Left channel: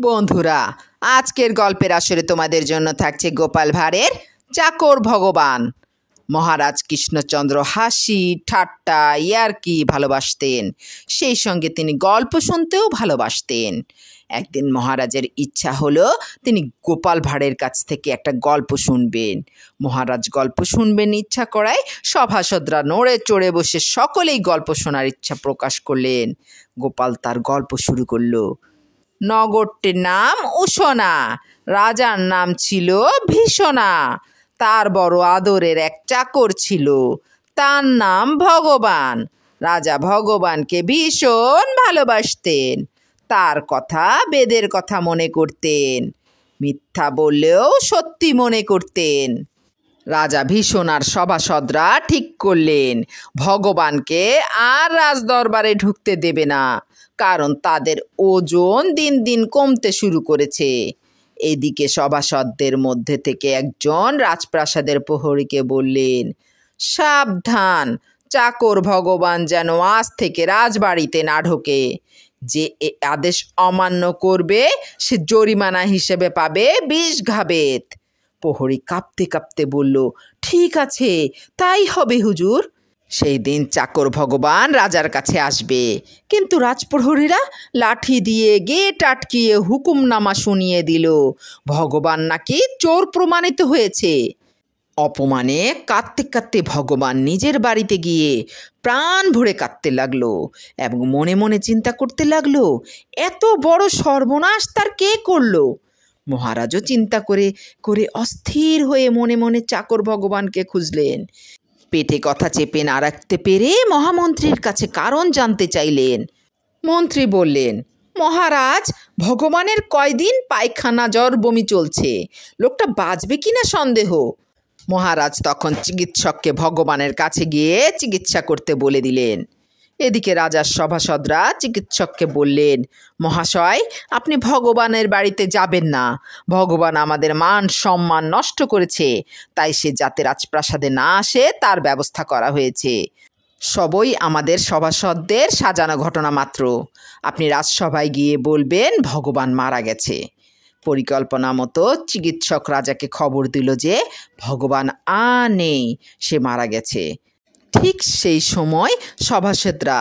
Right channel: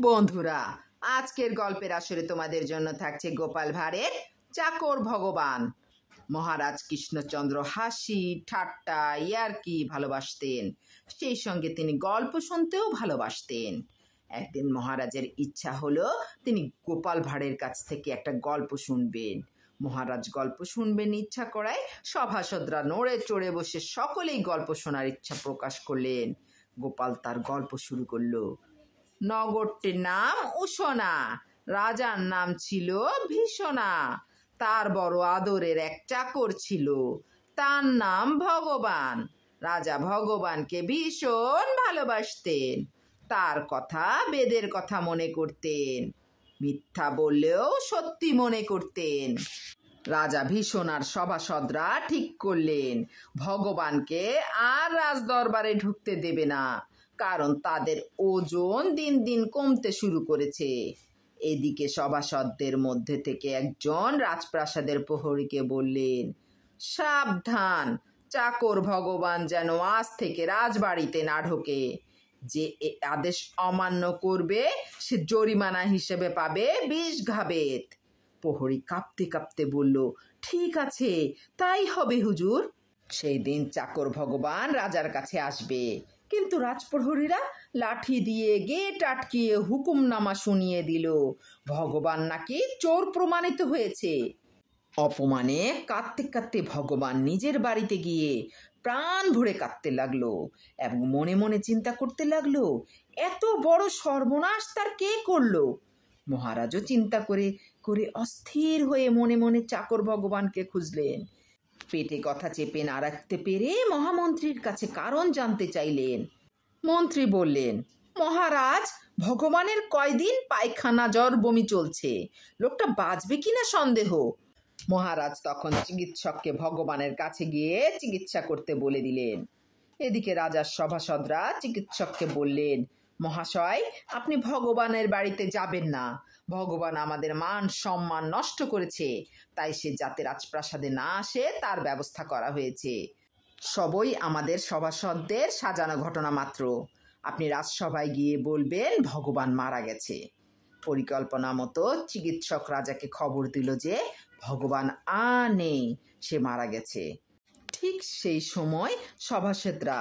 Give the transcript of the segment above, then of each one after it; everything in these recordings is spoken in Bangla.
বন্ধুরা, আজকের গল্পের আসরে তোমাদের জন্য থাকছে গোপাল ভাঁড়ের চাকর ভগবান। মহারাজ কৃষ্ণচন্দ্র হাসি ঠাট্টা ইয়ার্কি ভালোবাসতেন, সেই সঙ্গে তিনি গল্প শুনতেও ভালোবাসতেন। একদিন মহারাজের ইচ্ছা হলো তিনি গোপাল ভাঁড়ের কাছ থেকে একটা গল্প শুনবেন। মহারাজ গল্প শুনবেন ইচ্ছা করায় সভাসদরা নড়ে চড়ে বসে সকলেই গল্প শোনার ইচ্ছা প্রকাশ করলেন। গোপাল তার গল্প শুরু করলো। নগরটির নাম উশনা, রাজার নাম ছিল ভীষণা। তার বড় আদরের এক চাকর ছিল, তার নাম ভগবান। রাজা ভগবানকে ভীষণ ভালোবাসতেন, তার কথা বেদের কথা মনে করতেন, মিথ্যা বললেও সত্যি মনে করতেন। রাজা ভীষণার সভাসদরা ঠিক করলেন ভগবানকে আর রাজদরবারে ঢুকতে দেবে না, কারণ তাদের ওজন দিন দিন কমতে শুরু করেছে। এদিকে সভাসদদের মধ্যে থেকে একজন রাজপ্রাসাদের প্রহরীকে বললেন, সাবধান, চাকর ভগবান যেন আজ থেকে রাজবাড়িতে না ঢোকে। যে এ আদেশ অমান্য করবে সে জরিমানা হিসেবে পাবে 20 ঘাবেত। প্রহরী কাঁপতে কাঁপতে বলল, ঠিক আছে, তাই হবে হুজুর। সেই দিন চাকর ভগবান রাজার কাছে আসবে, কিন্তু রাজপ্রহরীরা লাঠি দিয়ে গেট আটকিয়ে হুকুমনামা শুনিয়ে দিল ভগবান নাকি চোর প্রমাণিত হয়েছে। অপমানে কাঁদতে কাঁদতে ভগবান নিজের বাড়িতে গিয়ে প্রাণ ভরে কাঁদতে লাগলো এবং মনে মনে চিন্তা করতে লাগলো, এত বড় সর্বনাশ তার কে করলো। মহারাজও চিন্তা করে করে অস্থির হয়ে মনে মনে চাকর ভগবানকে খুঁজলেন। পেটে কথা চেপে না রাখতে পেরে মহামন্ত্রীর কাছে কারণ জানতে চাইলেন। মন্ত্রী বললেন, মহারাজ, ভগবানের কয়দিন পায়খানা জ্বর বমি চলছে, লোকটা বাঁচবে কিনা সন্দেহ। মহারাজ তখন চিকিৎসককে ভগবানের কাছে গিয়ে চিকিৎসা করতে বলে দিলেন। এদিকে রাজার সভাসদরা চিকিৎসককে বললেন, মহাশয়, আপনি ভগবানের বাড়িতে যাবেন না, ভগবান আমাদের মান সম্মান নষ্ট করেছে, তাই সে যাতে রাজপ্রাসাদে না আসে তার ব্যবস্থা করা হয়েছে। সবই আমাদের সভাসদদের সাজানো ঘটনা মাত্র। আপনি রাজসভায় গিয়ে বলবেন ভগবান মারা গেছে। পরিকল্পনা মতো চিকিৎসক রাজাকে খবর দিল যে ভগবান নেই, সে মারা গেছে। ঠিক সেই সময় সভাসদরা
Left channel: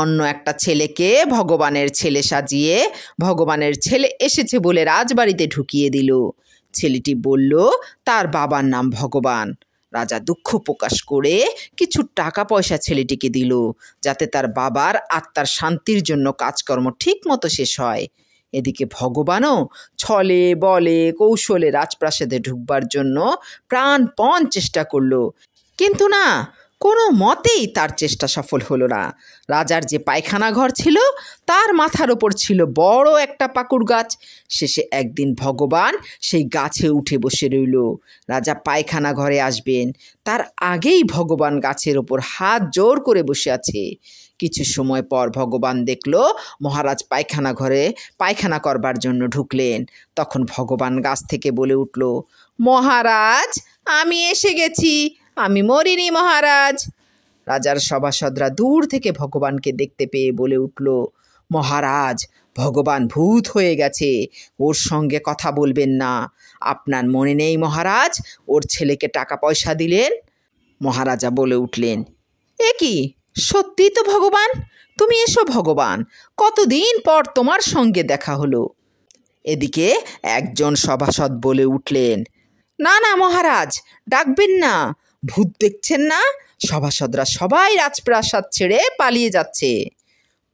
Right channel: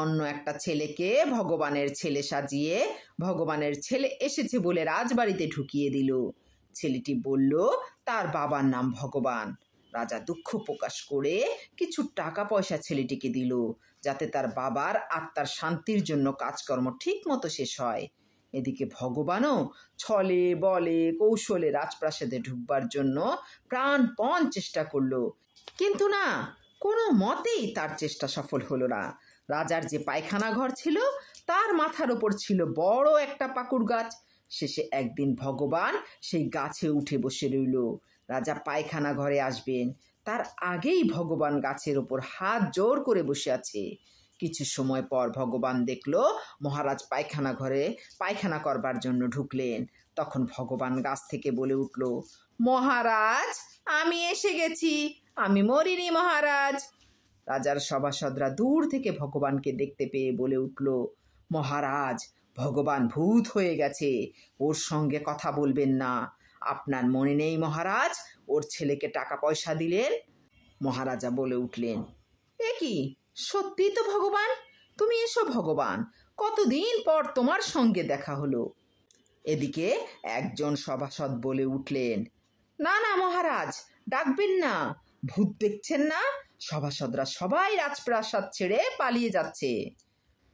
অন্য একটা ছেলেকে ভগবানের ছেলে সাজিয়ে ভগবানের ছেলে এসেছে বলে রাজবাড়িতে ঢুকিয়ে দিল। ছেলেটি বলল তার বাবার নাম ভগবান। রাজা দুঃখ প্রকাশ করে কিছু টাকা পয়সা ছেলেটিকে দিল, যাতে তার বাবার আত্মার শান্তির জন্য কাজকর্ম ঠিক মতো শেষ হয়। এদিকে ভগবানও ছলে বলে কৌশলে রাজপ্রাসাদে ঢুকবার জন্য প্রাণপণ চেষ্টা করলো, কিন্তু না, কোনো মতেই তার চেষ্টা সফল হলো না। রাজার যে পায়খানা ঘর ছিল তার মাথার ওপর ছিল বড় একটা পাকুড় গাছ। শেষে একদিন ভগবান সেই গাছে উঠে বসে রইল। রাজা পায়খানা ঘরে আসবেন তার আগেই ভগবান গাছের ওপর হাত জোর করে বসে আছে। কিছু সময় পর ভগবান দেখল মহারাজ পায়খানা ঘরে পায়খানা করবার জন্য ঢুকলেন। তখন ভগবান গাছ থেকে বলে উঠল, মহারাজ, আমি এসে গেছি, আমি মরিনি মহারাজ। রাজার সভাসদরা দূর থেকে ভগবানকে দেখতে পেয়ে বলে উঠল, মহারাজ, ভগবান ভূত হয়ে গেছে, ওর সঙ্গে কথা বলবেন না। আপনার মনে নেই মহারাজ, ওর ছেলেকে টাকা পয়সা দিলেন? মহারাজা বলে উঠলেন, এ কি, সত্যিই তো ভগবান, তুমি এসো ভগবান, কতদিন পর তোমার সঙ্গে দেখা হলো। এদিকে একজন সভাসদ বলে উঠলেন, না না মহারাজ, ডাকবেন না, ভূত দেখছেন না? সভাসদরা সবাই রাজপ্রাসাদ ছেড়ে পালিয়ে যাচ্ছে।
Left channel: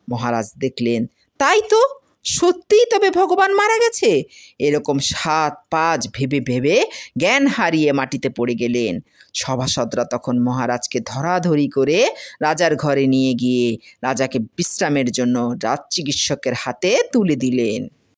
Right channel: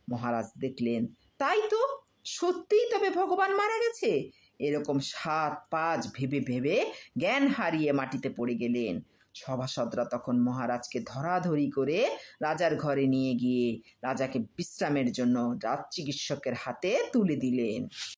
মহারাজ দেখলেন, তাই তো, সত্যিই তবে ভগবান মারা গেছে। এরকম 7-5 ভেবে ভেবে জ্ঞান হারিয়ে মাটিতে পড়ে গেলেন। সভাসদরা তখন মহারাজকে ধরাধরি করে রাজার ঘরে নিয়ে গিয়ে রাজাকে বিশ্রামের জন্য রাজ চিকিৎসকের হাতে তুলে দিলেন।